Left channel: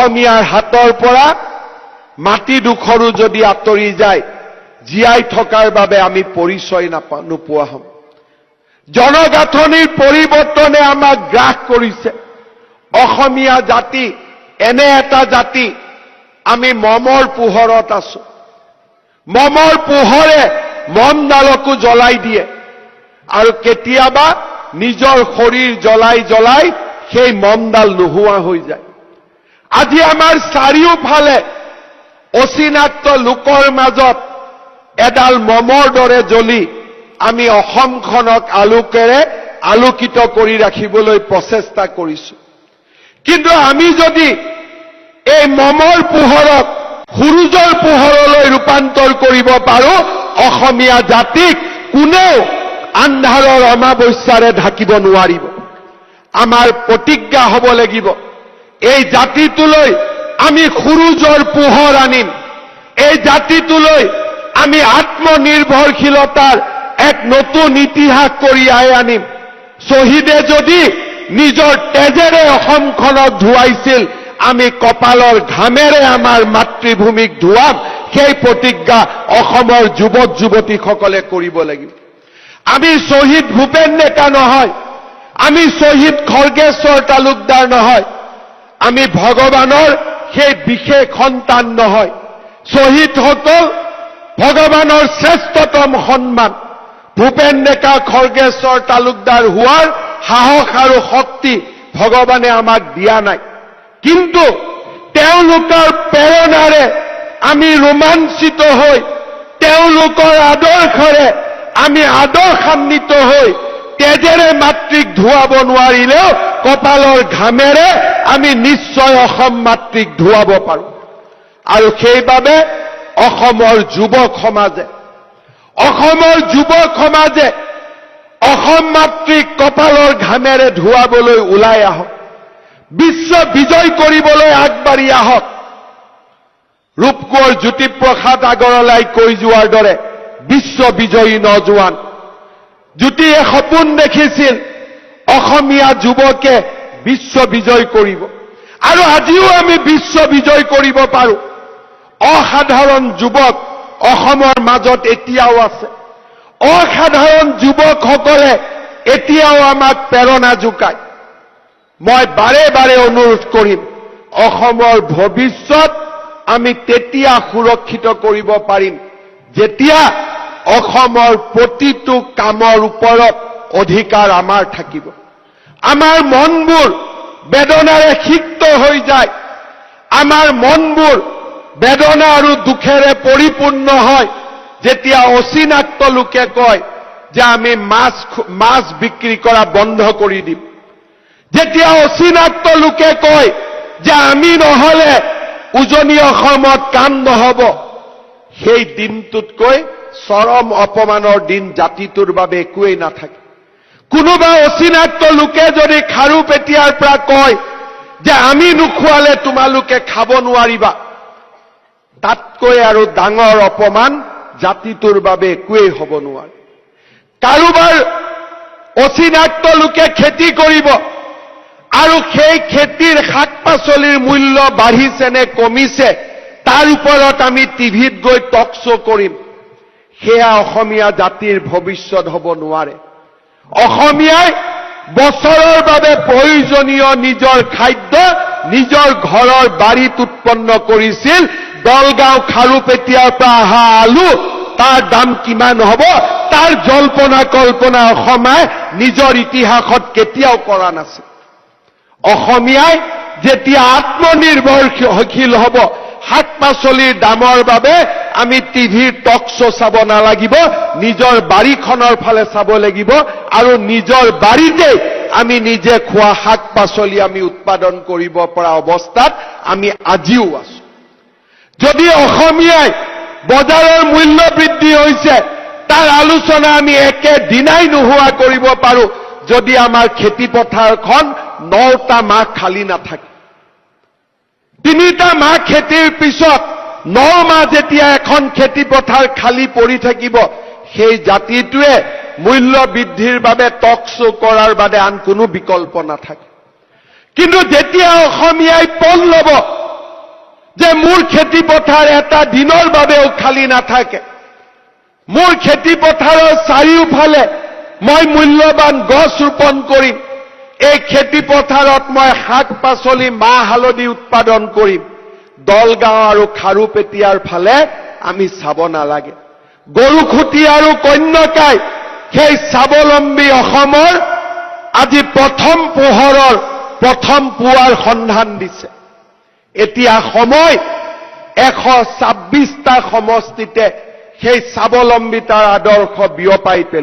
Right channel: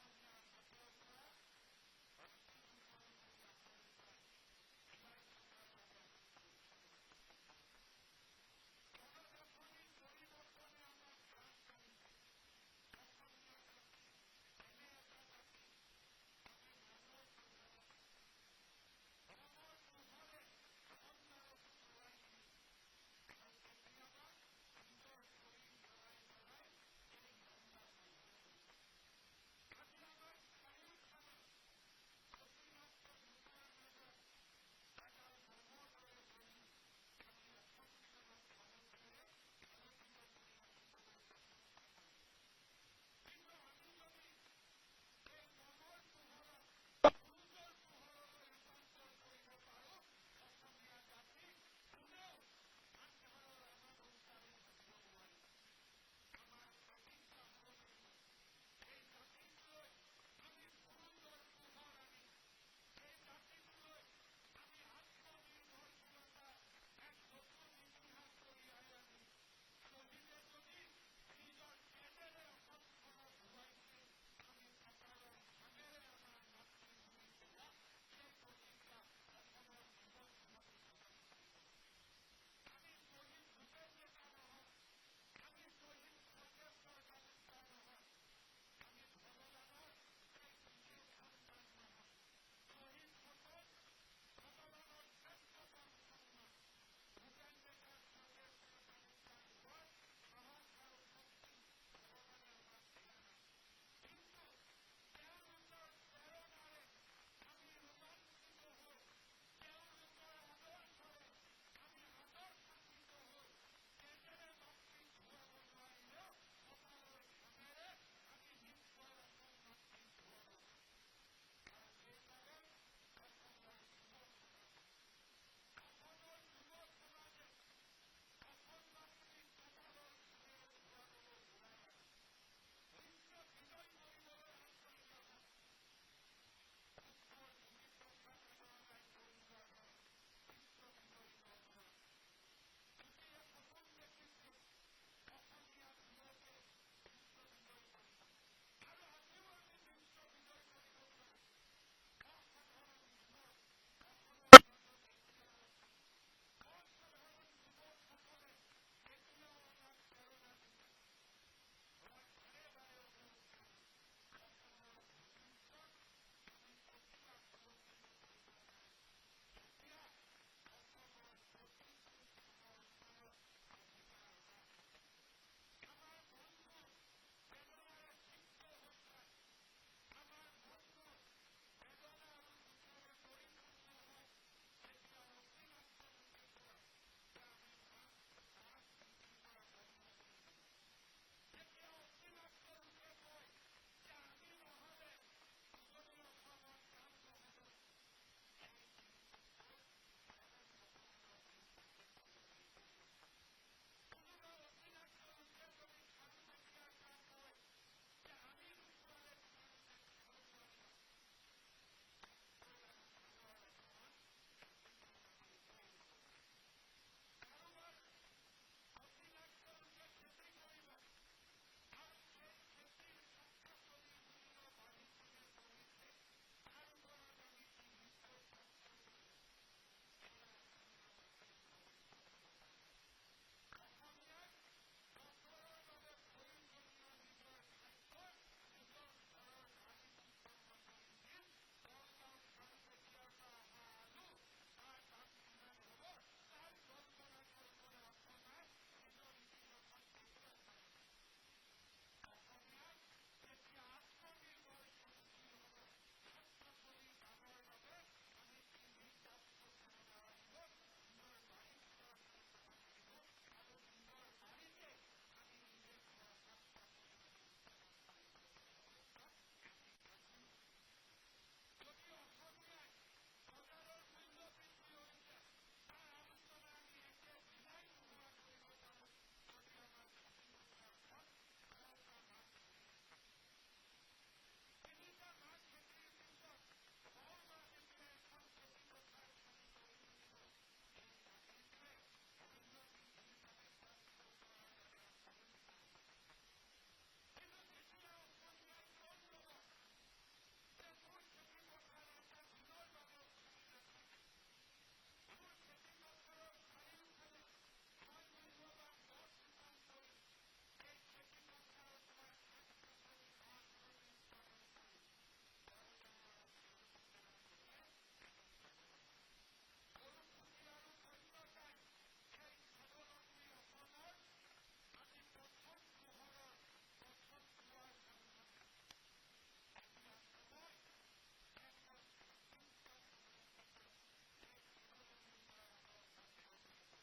অসমীয়াৰ হাতৰ পৰা মাটিডোখৰো যদি আঁতৰি যায় জীয়াই থকাৰ বাবে আমি পৰিচয় নোপোৱা হ'ম। জনগাঁথনিৰ পৰিৱৰ্তনে আমাক গ্ৰাস কৰিছে। অসমীয়া জাতি এনে এটা জাতি, আমি মমৰ পোহৰত আছো। মমৰ পোহৰে মমডালকো জ্বলাই দিয়ে আৰু কেতিয়াবা নিজৰ শৰীৰ জ্বলাই সেই মমডাল নোহোৱা হৈ যায়। আজি আমাৰ চাৰিওফালে অচিনাক্ত লোকৰ মাজত এডাল মমৰ দৰে জ্বলি আমি অসমখনক আলোকিত কৰি ৰাখিবলৈ প্ৰচেষ্টা কৰিছো। কিন্তু আমি যদি এই মমৰ পোহৰক সূৰুজৰ পোহৰলৈ ৰূপান্তৰ কৰিব পাৰো, অসমীয়া জাতিক কোনেও আন্ধাৰৰ অমাৱস্যাৰে ঢাকিব নোৱাৰিব। আমাৰ প্ৰতিজ্ঞা হ'ব লাগিব, এই জাতিটোলৈ আমি সূৰুজৰ পোহৰ আনিম। এই জাতিটোলৈ আমি আত্মনিৰ্ভৰশীলতাৰ এক নতুন ইতিহাস কঢ়িয়াই আনিম। শ্বহীদে যদি নিজৰ তেজেৰে অসমখনক ধুৱাইছিল, আমি কপালৰ ঘামেৰে আমাৰ মাতৃভূমিক ধুৱাম। সেই প্ৰতিজ্ঞা অসমৰ যুৱক যুৱতীসকলে কৰিব লাগিব। আমি শ্বহীদ ভূপেন ডেকা নহয়, আমি শ্বহীদ খৰ্গেশ্বৰ তালুকদাৰ নহয়, আমি ভগৱানৰ সেই বিশেষ সন্তান নহয়। শ্বহীদসকল ভগৱানৰ শ্ৰেষ্ঠতম সন্মান। ভূপেন ডেকা খৰ্গেশ্বৰ তালুকদাৰ হোৱাৰ সাহস আৰু শক্তি ভগৱানে আমাক দিয়া নাই, কিন্তু তেওঁলোকৰ প্ৰেৰণাৰে আমি ৰোমাঞ্চিত হৈ, তেওঁলোকৰ আদৰ্শৰে আমি আদৰ্শান্বিত হৈ, তেজেৰে মাতৃক ধুৱাব নোৱাৰিলেও কপালৰ ঘামেৰে আমি নিশ্চয় অসম মাতৃক ধুৱাব পাৰো। আৰু সেইবাবে অসমৰ যুৱক সমাজে অসম মাতৃক কপালৰ ঘামেৰে ধুৱাবলৈ ওলাই আহক। বিশ্ব বিজয় কৰিবলৈ আগবাঢ়ি আহক। ৰূপকোঁৱৰ জ্যোতিপ্ৰসাদ আগৰৱালাই কৈ যোৱাৰ দৰে বিশ্ব বিজয়ী নজোৱান। জ্যোতিয়ে সপোন দেখিছিল অসমীয়া যুৱকে বিশ্ব বিজয় কৰিব, আৰু আজিও আমি বিশ্ব বিজয় কৰিব পাৰো। অসাধাৰণ যুৱক অসমৰ মাজত এতিয়াও আছে। অসাধাৰণ যুৱকসকলে এতিয়াও আমাক প্ৰেৰণা যোগায়। মই বাৰে বাৰে অনুৰোধ কৰিম, অসমৰ ভৱিষ্যত আমি তেতিয়া সুৰক্ষিত কৰিব পাৰিম যেতিয়া অসমৰ প্ৰতিটো কামৰ ওপৰত অধিকাৰ আমাৰ থাকিব। আমাৰ মনবোৰ বেদনাৰে সিক্ত হৈ যায়, আমাৰ মনবোৰ বেদনা আৰু দুখেৰে পৰিপূৰ্ণ হয় যেতিয়া অচিনাক্ত লোকে কয় যে আমি মাছ বিক্ৰী কৰা বন্ধ কৰি দিম, যেতিয়া অচিনাক্ত লোকে কয় যে আমি নহলে উজনি অসমত কাম নহব। সেই দিনটোতকৈ চৰম অপমানৰ দিন জাতিটোৰ বাবে একোৱেই নাথাকে। কোনোবা অচিনাক্ত লোকে যদি খাৰুপেটীয়াৰ পৰা কয় যে আমি নোখোৱালে তোমালোকে খাব নোৱাৰিবা, তাতকৈ আৰু ডাঙৰ অপমান জাতিটোৰ বাবে একোৱেই হ'ব নোৱাৰে। কাৰোবাৰ অচিনাক্ত লোকে খেতি কৰিব আৰু সেই খেতিৰ শাক পাচলিৰ মূল্য বাঢ়িছে নে কমিছে তাৰ ওপৰত আমি টিভিত গৈ টক শ্ব' কৰিম, সেয়া অসমীয়া জাতিৰ ভৱিষ্যত হ'ব নোৱাৰে। অসমীয়াই বছৰৰ বাবে প্ৰয়োজনীয় নিজৰ খাদ্য নিজৰ ঘৰৰ বাৰীত উৎপন্ন কৰিছিল। দলগাঁও খাৰুপেটীয়াৰ পৰা অহা আলু, তাৰ দাম কিমান হ'ব তাৰ জল্পনা কল্পনা অসমীয়াই নিজৰ ইতিহাসত কেতিয়াও কৰা নাছিল। অসমীয়াই যেতিয়া আত্মনিৰ্ভৰশীল হ'ব, শাক পাচলিৰ দামৰ বাবে আমি টিভিৰ টক শ্ব' চাব নালাগিব, নিজৰ বাৰীখনৰ ফালে চাব লাগিব আৰু নিজৰ বাৰীতে আমি নিজে খোৱা শাক পাচলি আমি উৎপাদন কৰিব পৰা অৱস্থাত আমি আজিও আছো। যদি অসমীয়াই বজাৰৰ মূল্য বৃদ্ধি হৈছে তাৰ আলোচনা আমি একেদিনাই নোহোৱা কৰিব পাৰো যদি আমাৰ খেতি পথাৰখন 9টা মাহ খালী নাথাকে। 3টা মাহ খেতিৰ পিছত 9 মাহ যেতিয়া এখন খেতি পথাৰ খালী পৰি থাকিব, সেই জাতিটোৱে মূল্য বৃদ্ধিৰ বাবে টক শ্ব' কৰাৰ বাদে আন কোনো বিকল্প নাথাকে। কিন্তু যেতিয়া অসমীয়াই পণ ল'ব যে মোৰ খেতি পথাৰ এটা দিনৰ বাবেও খালী নাথাকে। মোৰ খেতি পথাৰৰ চাৰিওফালে মই মূল্যৱান গছ ৰোপণ কৰিম। এই খেতি পথাৰত মই শাক পাচলি মাহ হালধি উৎপাদন কৰিম। দলগাঁও আৰু খাৰুপেটীয়াৰ ফালে আমি চাব নালাগে। গৰুখুটি আৰু কন্যকাই সেই স্বাৱলম্বী অসমৰ আজি প্ৰথম পোহৰৰ প্ৰথম পুৱাৰ সন্ধান দিছে। এতিয়া সময় 126টা সমষ্টিতে সেই স্বাৱলম্বিতাৰ আদৰ্শ বিয়পাই পেলোৱা।